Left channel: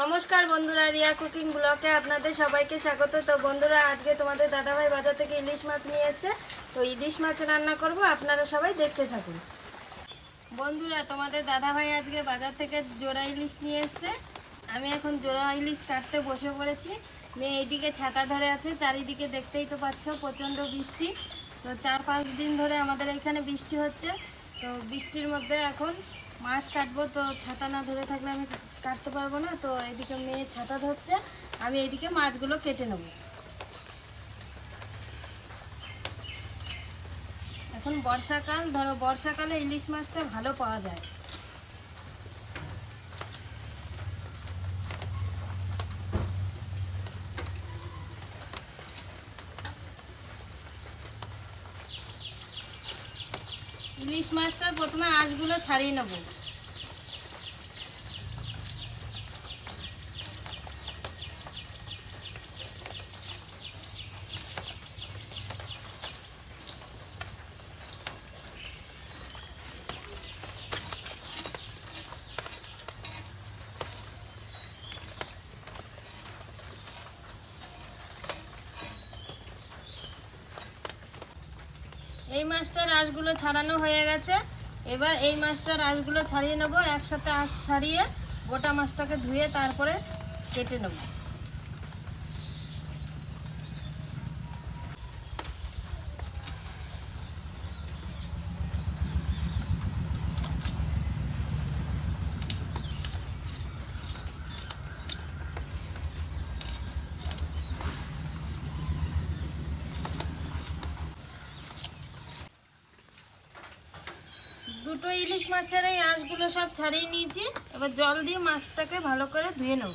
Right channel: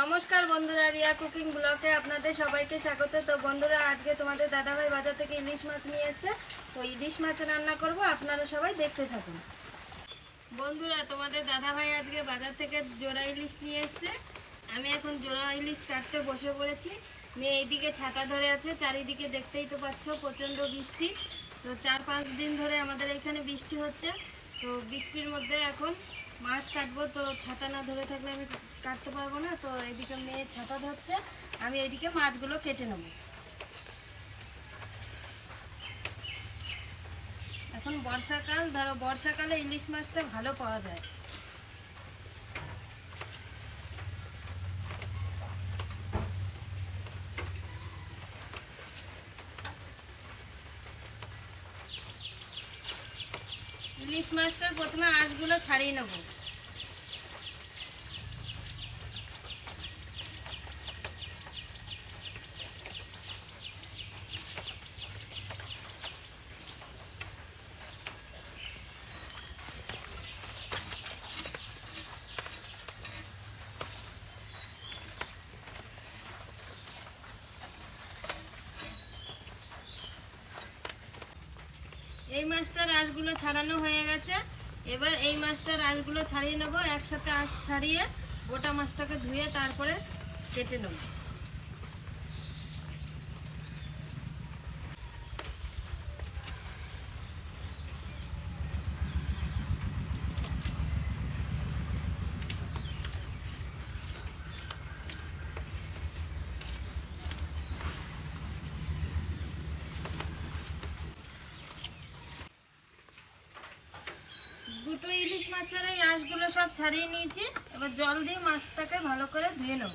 নমস্কার বন্ধুরা, রিয়া কুকিং ব্লকে আপনাদের সবাইকে স্বাগত। তো বন্ধুরা, আজকে তোমাদের দাদাভাই বাজার থেকে ইলিশ মাছ নিয়ে এসেছে। তো ইলিশ মাছ রান্না করব, আপনারা সবাই দেখতে থাকুন। বন্ধুরা, তোমাদের দাদাভাই আজকে বাজার থেকে জোড়া ইলিশ নিয়ে এসেছে। আমি এখন জোড়া ইলিশ কাটতে বসে পড়েছি। মেয়ে এইদিকে ছাতা ধরে আছে, চারিদিকে দেখতেই তো পাচ্ছ প্রচণ্ড বৃষ্টি। তো চার পাঁচ দিন ধরে আমাদের এখানে বৃষ্টি হচ্ছে। তো বৃষ্টির মধ্যে এখন মাছ কাটবো, তো ছাতা না ধরে থাকলে আমি কাটতে পারব না, তো এদিকে মেয়ে ছাতা ধরছে, আমি এদিকে মাছগুলো কেটে নেব। এখন বর্ষাকাল, ধরো বর্ষাকালে ইলিশ মাছটা ভালো পাওয়া যায়। ইলিশ মাছটা প্রথমে আঁশগুলো ছাড়িয়ে নেব। এই মাছটা আঁশগুলো ছাড়ানো হয়ে গেছে। এবার এই মাছটার আঁশগুলো ছাড়িয়ে নেব, একসাথে আঁশ ছাড়িয়ে গোটা মাছটাকে ধুয়ে তারপরে কেটে নেব। ইলিশ আঁশগুলো সব ছাড়িয়ে নিয়েছি। এবার জল দিয়ে মাছটাকে ভালো করে ধুয়ে নেব।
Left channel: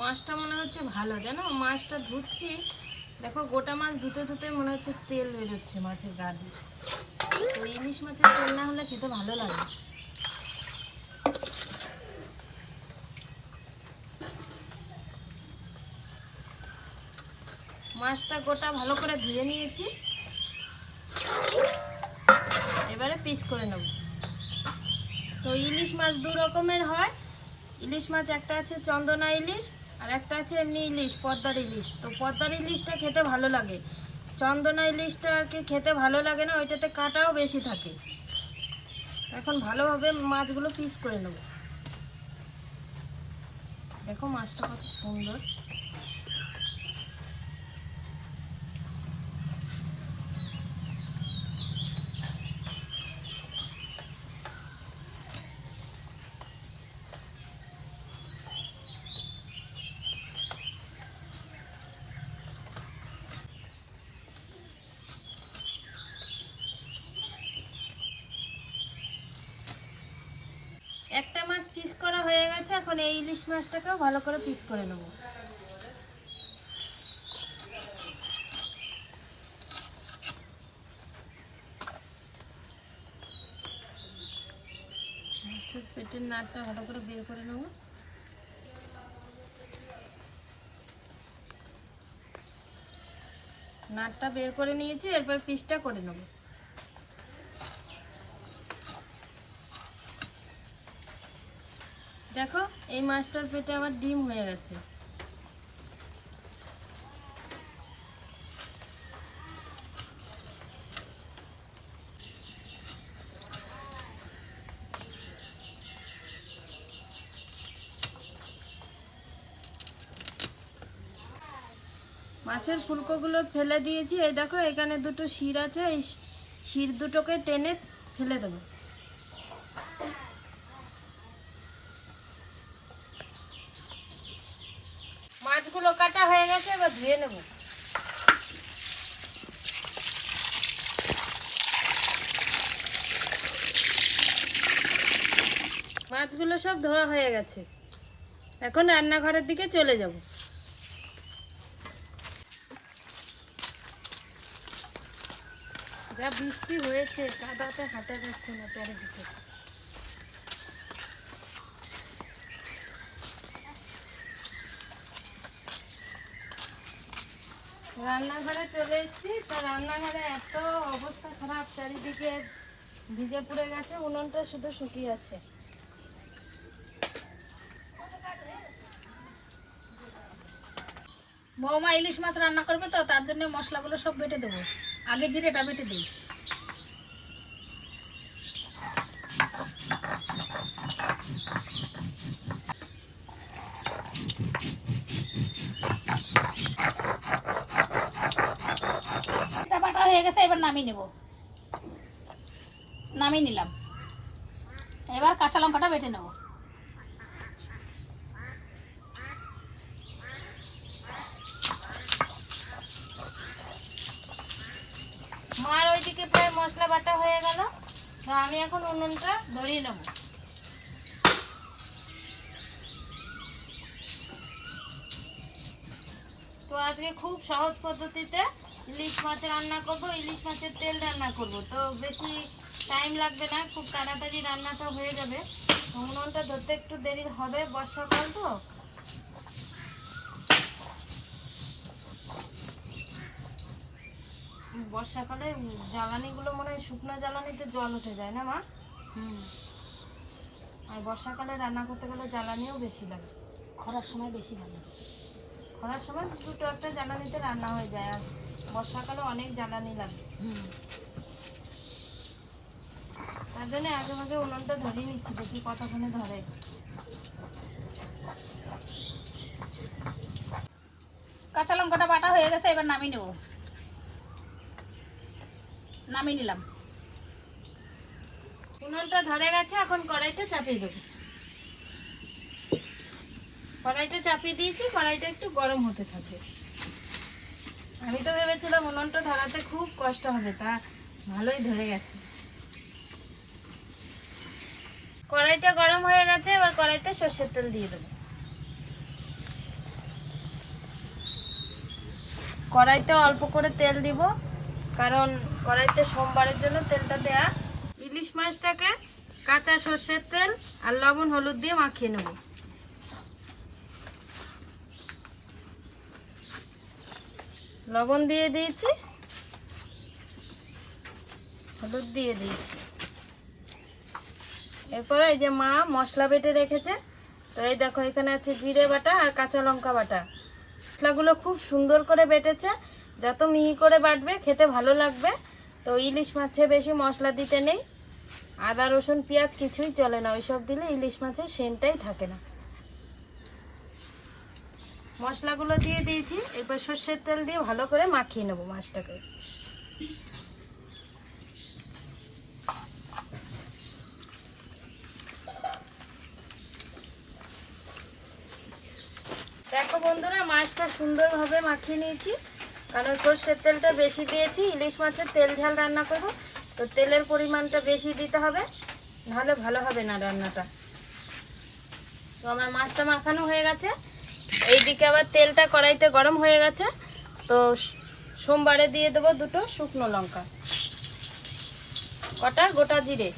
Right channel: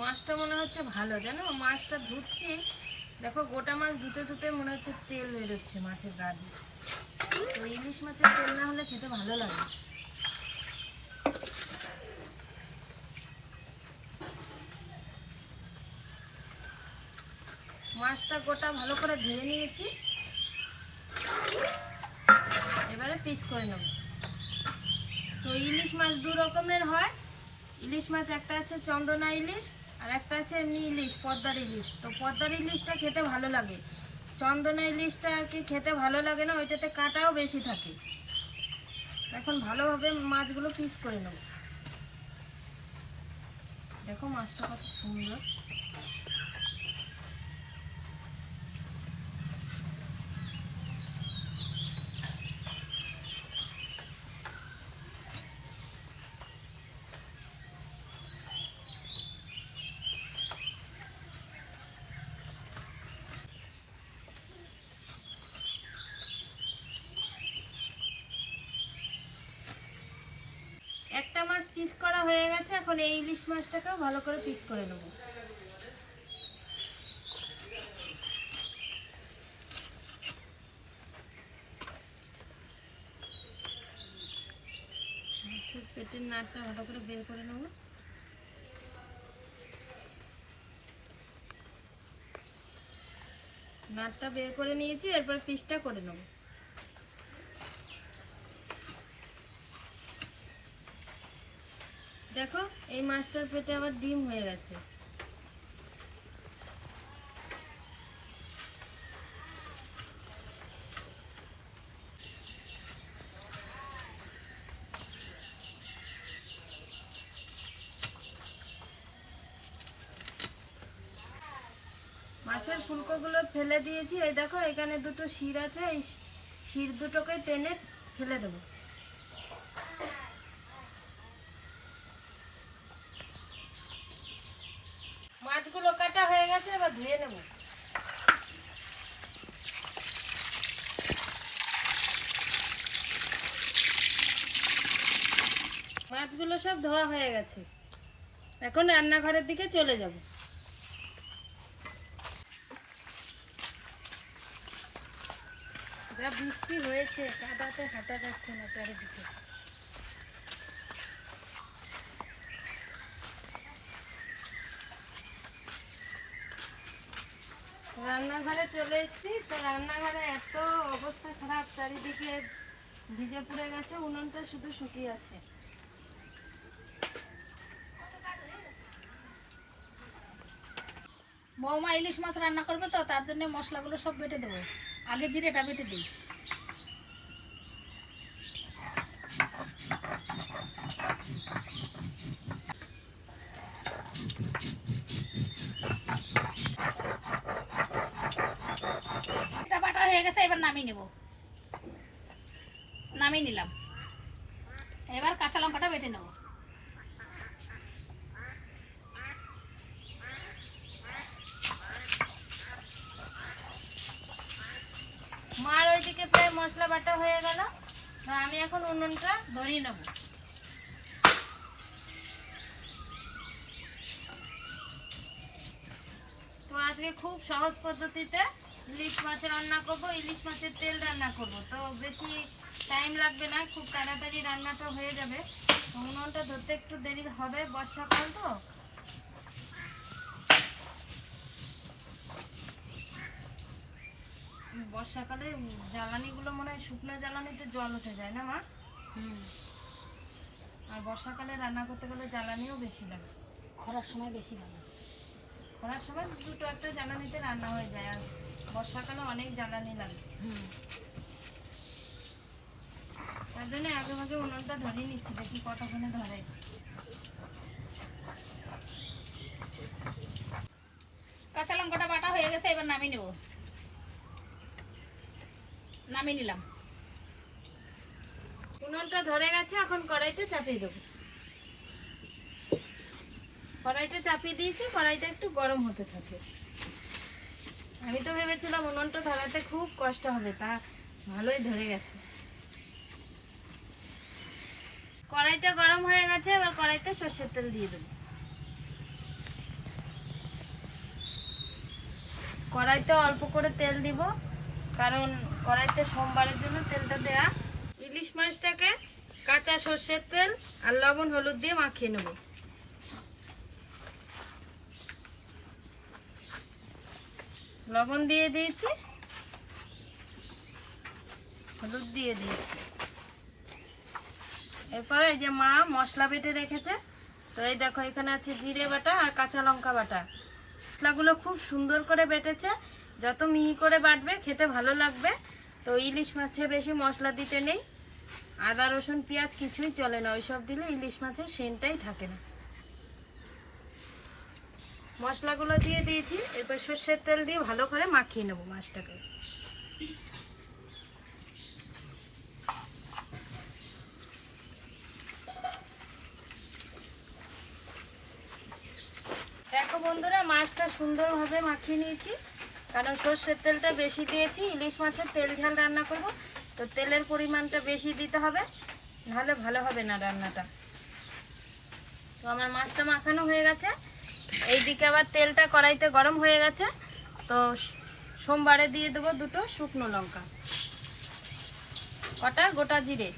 মাছটা মনে হচ্ছে ভালো। কেন মাছটা ধুচ্ছি। দেখো, গোটা মাছ ধুতে ধুতে মনে হচ্ছে তেল বেরোচ্ছে মাছের গা দিয়ে। ইলিশ মাছের তেল না হলে খেতে ভালো লাগে মাছটা গোটা ভালো করে ধুয়ে নিয়েছি। এবারে পিস করে নেব। তো ইলিশ মাছ দু রকমের হয়। ইলিশ মাছ একটা আছে চন্দনা ইলিশ আর একটা আছে এমনি ইলিশ, পদ্মার ইলিশ। তো পদ্মার ইলিশটা খেতে ভালো লাগে। চন্দনা ইলিশটাকে খেতে ভালো লাগে না, ওইটাতে কাটাও বেশি থাকে। এখন ভালোভাবে মাছগুলো পিস করে নেব। দেখো মাছটা কত সুন্দর একটা মাছ পিস করা হয়ে গেছে, এখন এই ইলিশ মাছটাকেও ভালো করে পিস করে নেব। পেটের নাটটা ভালো করে বের করে নেব। নাটটা বের করে নিয়েছি, এরপর পিসটা করে নেব। দেখো, এই মাছটার পেটে আবার ডিম হয়ে গেছে। মাছের ফুলকোগুলো ফেলে দিয়েছি। এই দেখো, এখানে দুটো শির আছে, এই শির দুটোকে টেনে ফেলে দেবো। মাছগুলো কাটা হয়ে গেছে, এবার ধুয়ে নেব। মাছগুলো সব ধোয়া হয়ে গেছে। এখন রান্নাঘরের দিকে চলে যাব। যা বৃষ্টি হয়েছে কাদাতে হাঁটা যাচ্ছে না চারিদিকে। রান্নাঘরে চলে এসেছি। তো রান্নাঘরে এত অবস্থা খারাপ, চারিদিকে ভিজে পুড়ে গেছে, উনুনটা শুধু শুকিয়ে আছে। বৌমা ইলিশ মাছ রান্না করবে তো, তার জন্য মশলাগুলো সব বেটে দেবো। আগে জিরেটা বেটে দিই এটা বাটা হয়ে গেছে এবার নামিয়ে নেব। নামিয়ে নিলাম। এবার কাঁচা লঙ্কাটা বেটে নেব। মার ওইদিকে প্রায় মশলা বাটা হয়ে গেল। আমি এখন উনুনটা ধরিয়ে নেব। তো আজকে খুব সহজ পদ্ধতিতে ইলিশ মাছ রান্না করব ইলিশ মাছের তেল রান্না করব। তো বেশি টাইম লাগবে না খুব তাড়াতাড়ি রান্নাটা হয়ে যাবে। উনুনটা ধরতে একটু দেরি হবে বর্ষাকাল তো। বর্ষাকালে জ্বালানিগুলো মনে হয় শুকনো জ্বালানিতে জল উঠে যায় না মা? হুম। আর বর্ষাকালে রান্না করতে গেলে জ্বালানিও বেশি লাগে। খরার সময় বেশি ভালো খরার সময় দুটো একটা জ্বালানিতে রান্না হয়ে যায় আর বর্ষাকালে অনেক জ্বালানি লাগে। তার জন্য আগে মাঝে উনুনটা ধরে নিচ্ছি, দেখি কতক্ষণে ধরে কাঁচা লঙ্কাটা বাটা হয়ে গেছে, এবার নামিয়ে নেব। নামিয়ে নিলাম। উনুনটা ধরে গেছে, এখন কড়াইটা চাপিয়ে দেবো। কড়াইটা চাপিয়ে দিয়েছি, কড়াইটা একটু গরম হতে থাকবে আমি তো ভেবেছিলাম উনুনটা ধরাতে খুব কষ্ট হবে, তা ভালোই ধরে গেছে। কড়াইটা গরম হয়ে গেছে, এবার কড়াইতে সর্ষের তেল দিয়ে দেবো। কড়াইতে অল্প করে তেল দিব, কারণ কড়াইতে সোমবারের জন্য তেলটা দেয়া। ইলিশ মাছটাকে কাঁচা সর্ষের তেল আর লবণ, হলুদ দিয়ে মাখিয়ে নেব। লবণ দিয়ে দিয়েছি। হলুদ দিয়ে দিয়েছি। এরপরে এই যে মা মশলা বেটে রেখেছে, তো এই দেখো এখানে আছে জিরে বাটা আর কাঁচা লঙ্কা বাটা। মশলাগুলো খুব সুন্দর করে বেটেছে, যত মিহি করে বাটবে খেতে ভালো লাগবে। তো ইলিশ মাছে বেশি মশলা দিতে নেই। আদা, রসুন, পেঁয়াজ কিছুই চলে না, ওইসব দিলে ইলিশ মাছের সেন্টটাই থাকে না। মশলাগুলো দিয়ে দিয়েছি। এরপর সর্ষের তেল দিয়ে ভালো করে মাখিয়ে নেব মাছটাকে। দেখো বন্ধুরা, মাছটা সুন্দরভাবে মাখিয়ে নিয়েছি। কারণ সর্ষের তেলটা বেশি দিয়েছি, ইলিশ মাছের তেল ঝাল রান্না করব। তো তেলের পরিমাণটা বেশি দিতে হবে, নাহলে ভালো হবে না রান্নাটা। তো আমার মাছটা মাখানো হয়ে গেছে। এইদিকে আবার তেলটা কড়াইতে গরম হয়ে গেছে। তো সোমবারে দিয়ে দেবো দুটো শুকনো লঙ্কা। কটা? গোটা জিরে।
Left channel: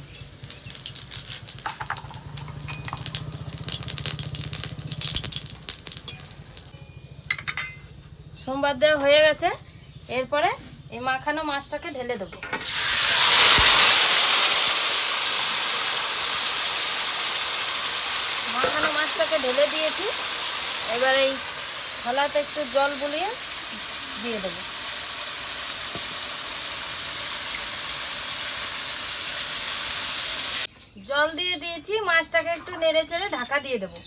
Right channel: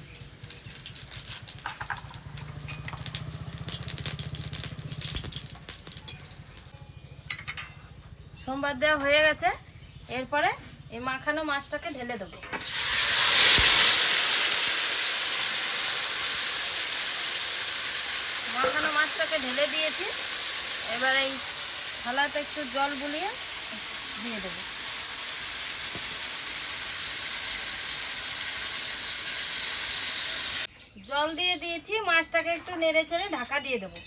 সোমবার দেওয়া হয়ে গেছে। এরপরে এই মাখানো মাছটাকে ঢেলে দেবো। মাখানো মাছটাকে ঢেলে দিয়েছি। এবার এই থালাতে একটু জল বুলিয়ে দিয়ে দেবো। জল দিয়ে দিয়েছি, মাছটাকে একটু নেড়ে চেড়ে ঢাকা দিয়ে দেবো।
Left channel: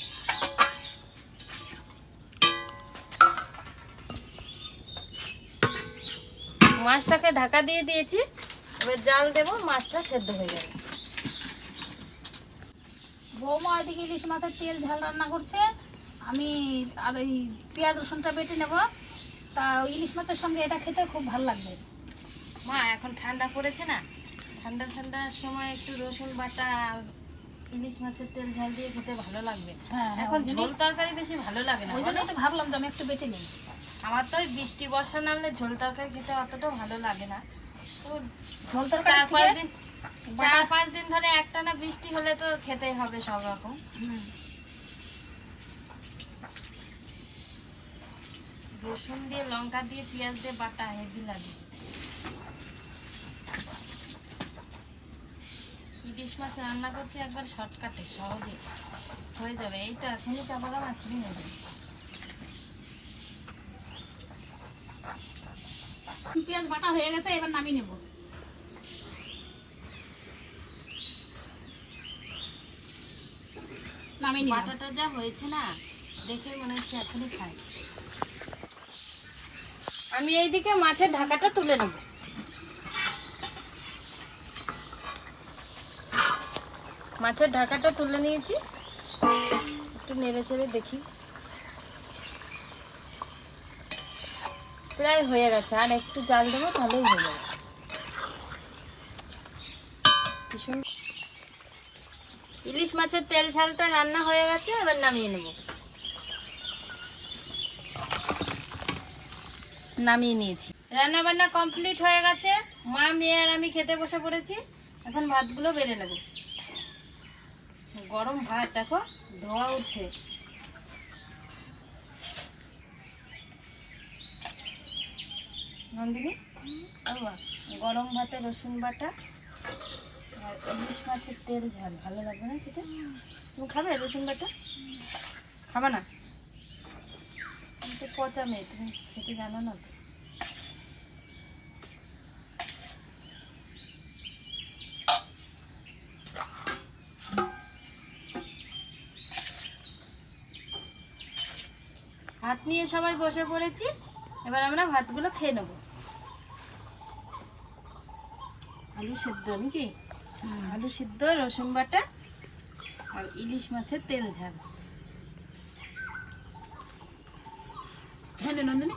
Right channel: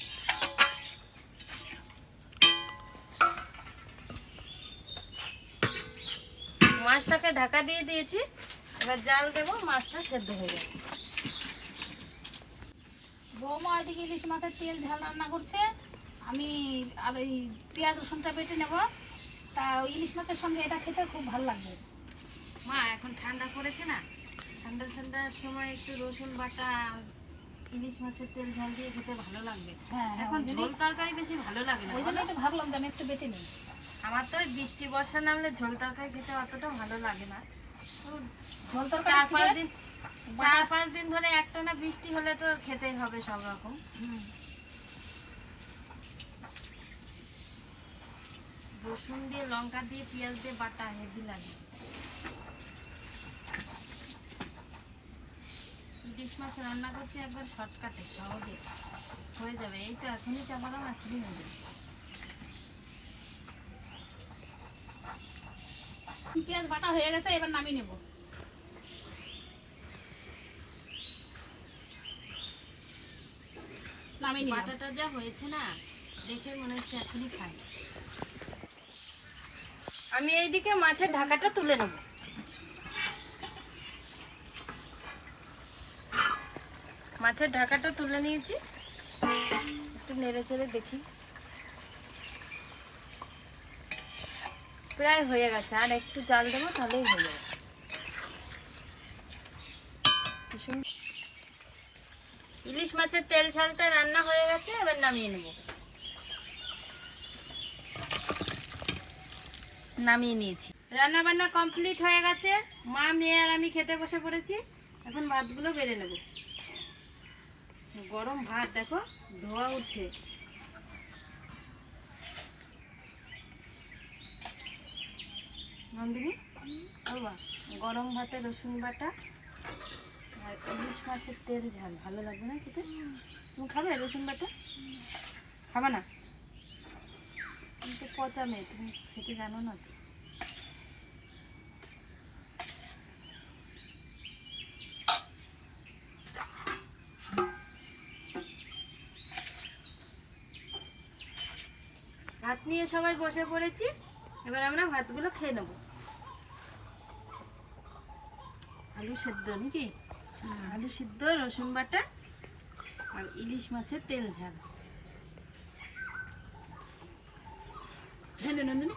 মাছটাকে ঢাকা দিয়ে দিয়েছি, এবার জাল দেবো, মাছটা সেদ্ধ হয়ে যাবে বৌমা ওইদিকে ইলিশ মাছের তেল ঝাল রান্না করছে। আমি আর এই পেঁয়াজ রসুনটা বেটে নেব। তা ওই ইলিশ মাছের সঙ্গে এটা খেতে খুব ভালো লাগবে। মা এখন ঠান্ডা পড়েছে না? ঠান্ডা ঠান্ডার সময় একটু রসুন বাটা ইলিশ মাছের তেল ঝাল দিয়ে খেতে ভালো লাগবে। হ্যাঁ হ্যাঁ এখন ঝোল তরকারি বেশি ভালো লাগে না ওই জন্যই তো ভাবলাম যে আমি একটু বেটে নিই। আমার তো ওই বৃষ্টি বর্ষা নামলে ঝোল তরকারি খেতে অতটা ভালো লাগে না। তো ঝোল তরকারি চার পাঁচ দিন চার পাঁচ দিন ধরে একটা না বৃষ্টি হলে তো খেতেই হবে সব রকম। হুম। রসুন দিয়ে, লঙ্কা দিয়ে, পেঁয়াজ দিয়ে, বাটা, হেভি লাগে। ইলিশ মাছ রান্না করছি একবার শর্টকাটে সহজে হয়ে যাবে। এই তো এখনই চাপালাম এখনই হয়ে পেঁয়াজ, বাটা হয়ে গেছে, এবার নামিয়ে নেব। নামিয়ে বাটাটা যা হয়েছে না, দেখে মনে হচ্ছে এখনই খাই। আমি এইদিকে মাছের ঢাকাটা তুলে নেব। মাছের ঢাকাটা তুলে নিয়েছি। একটু নেড়ে চেড়ে দেখি। প্রায় হয়ে গেছে, আর একটু জাল দেবো তাহলেই হয়ে যাবে। সুন্দর। ইলিশ মাছের তেল ঝালটা রান্না হয়ে গেছে, এবার নামিয়ে নেব। নামিয়ে নিয়েছি। রান্না বান্না কমপ্লিট হয়ে গেছে। মা, মেয়ে আর আমি খেতে বসে পড়েছি। এখন ভাতগুলো বেড়ে নেব। গরম ভাত, দেখো, ধোয়া উঠছে। নন্দিনী? গরম ভাতে রসুন বাটা আর ইলিশ মাছের তেল ঝাল। ভালো লাগবে না খেতে? তুমি খাবে রসুন বাটা? খাবে না? তুমি তো পচা মেয়ে, তুমি খেতে জানো না তো। নিয়ে সবাই বসে পড়েছি। এবার আমরা ভাতগুলো খেয়ে নেব। আলু সেদ্ধ নাকি? আলু সিদ্ধ রসুন বাটা আর ইলিশ মাছের তেল ঝাল। খেয়ে নন্দিনী।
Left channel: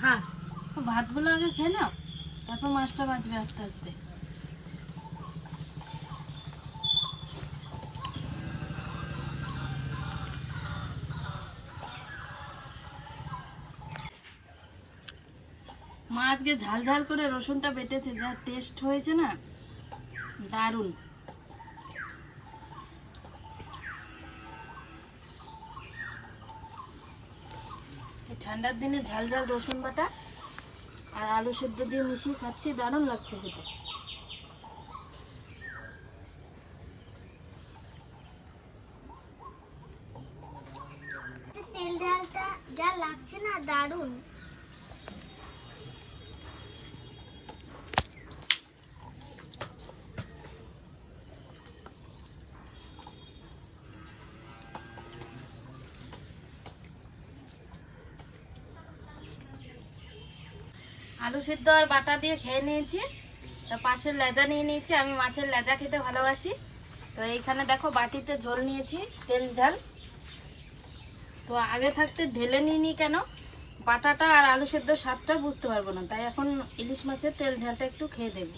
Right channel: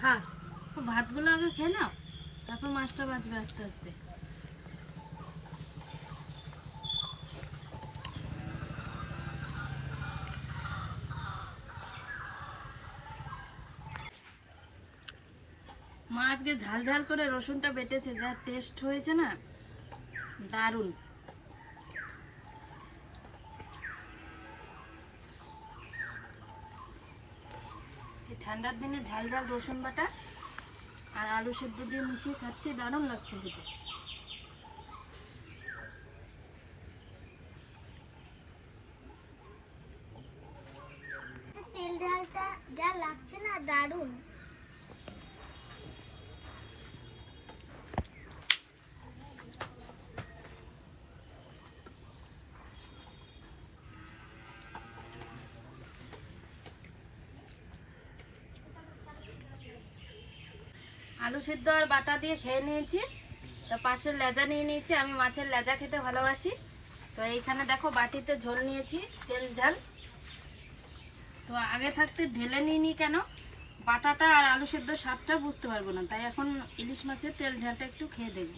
খা। ভাতগুলো আগে খেয়ে তারপর মাছটা বাঁচবে আস্তে আস্তে। মা আজকে ঝাল ঝাল করে রসুনটা বেটেছে, যা টেস্ট হয়েছে না, দারুণ। ঠান্ডার দিনে ঝাল ঝাল রসুন বাটা আর আলু সেদ্ধ দিয়ে মিশিয়ে খাচ্ছি, দারুণ লাগছে খেতে তেল ঝালটা যা লাগছে না দারুণ আলু সিদ্ধ আর বাটা দিয়ে খেয়ে নিয়েছি। তো পাশের লেজা নিয়ে নিয়েছি। আমি মাছের লেজা খেতে ভালোবাসি। তো এইখানে দেখো বাটিতে ঝোল নিয়েছি, তেল, ঝাল। তো আগে থাকতে ঢেলে নিইনি কেন? বাটাটা আর আলু সেদ্ধ স্বাদটা বুঝতে পারব না। তাই এখন ইলিশ মাছের তেল, ঝালটা একটু খেয়ে দেখব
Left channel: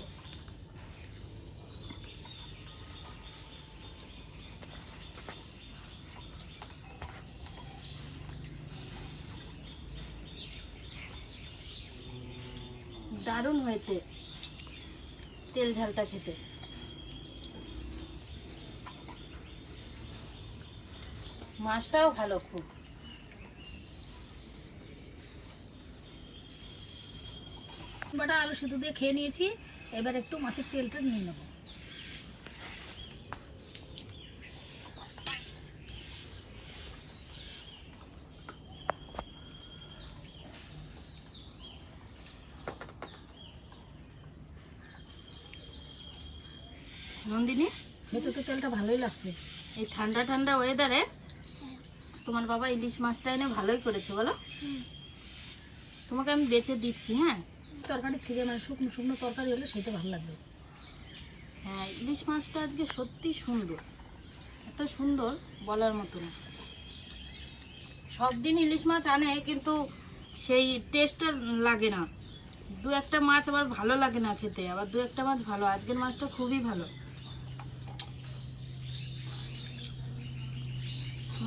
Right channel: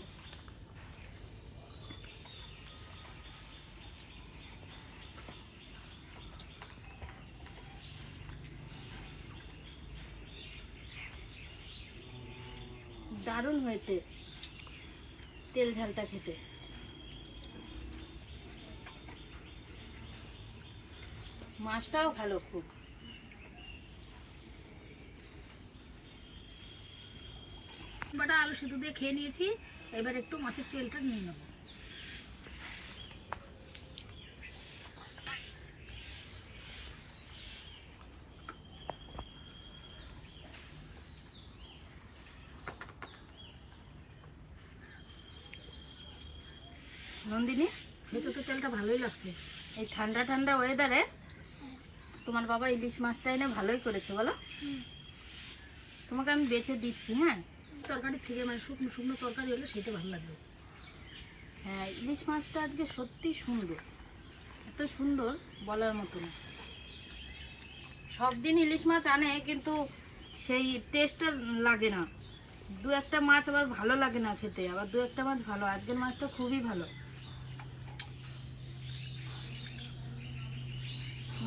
দারুণ হয়েছে তেল ঝালটা খেতে। মাছটাও ভালো খুব। বাটা আলু সিদ্ধ দিয়ে খেয়ে নিয়েছি, এবার একটু মাছের তেলটা নিয়ে নেব। নন্দিনী খেতে তো তেলটা ভালোই লাগছে। এই ঠান্ডা ঠান্ডা ওয়েদারে তোমার বাবা ইলিশ মাছটা এনে ভালোই করেছে বলো। তোমাকে আমি বেছে দিচ্ছি হ্যাঁ? তরকারির থেকে মানে শুকনো শুকনো তরকারি হলে সেটা ভালো লাগবে। হ্যাঁ ইলিশ মাছটা আজকে সত্যি সুন্দর। এত সুন্দর বলার মতো না। সব দিন ইলিশ মাছ আনে কিন্তু সেই টেস্টটা লাগে না। দু একটা মাছ আবার ভালো লাগে না খেতে আবার দু একটা মাছ ভালো। আজকের মাছটা খুবই ভালো।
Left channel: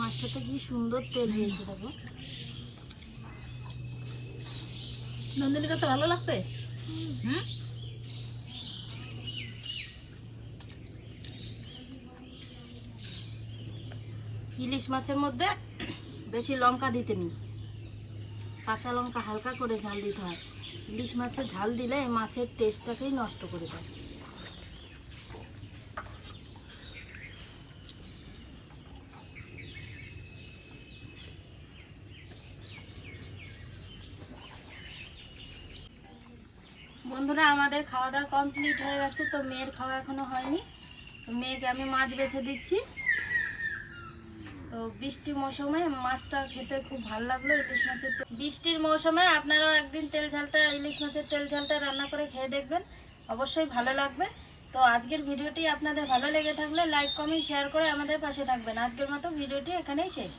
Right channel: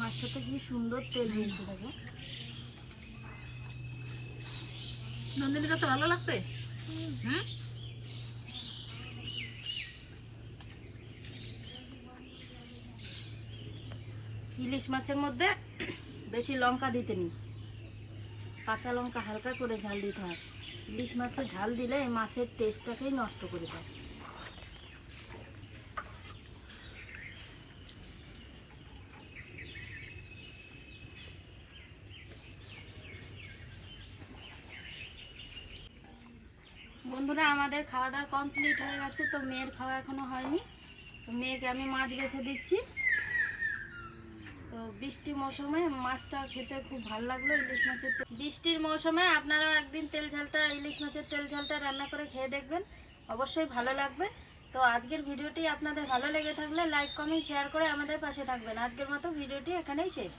মাছটাতে কি সুন্দর তেল হয়েছে দেখো। নন্দিনীর কাছে ভালো লাগছে? ইলিশ মাছের মধ্যে বেশি লঙ্কা দিতে নেই। কাঁচা লঙ্কা হালকা করে ঝাল দিতে হয়। ইলিশ মাছে ঝাল দিলে এই মাছের টেস্টটাকেই নষ্ট করে দেয়। বন্ধুরা, আমাদের খাওয়া দাওয়া কমপ্লিট হয়ে গেছে, তো মেয়ের খাওয়া এখনও হয়নি। তো মেয়েকে আমি মাছ বেছে দিচ্ছি। তো বৃষ্টির মৌসুমে মাছটা খেতে খুব ভালো লাগল, ইলিশ মাছের বৃষ্টির মৌসুমে আপনারাও একদিন তেল ঝালটা, ইলিশ মাছের তেল ঝালটা রান্না করে খেয়ে দেখবেন। অবশ্যই ভালো লাগবে। তো আজকের ভিডিওটি আপনাদের ভালো লেগে থাকলে লাইক কমেন্ট শেয়ার করে আমাদের পাশে থাকবেন। আজকের মতো ভিডিওটি এখানেই শেষ।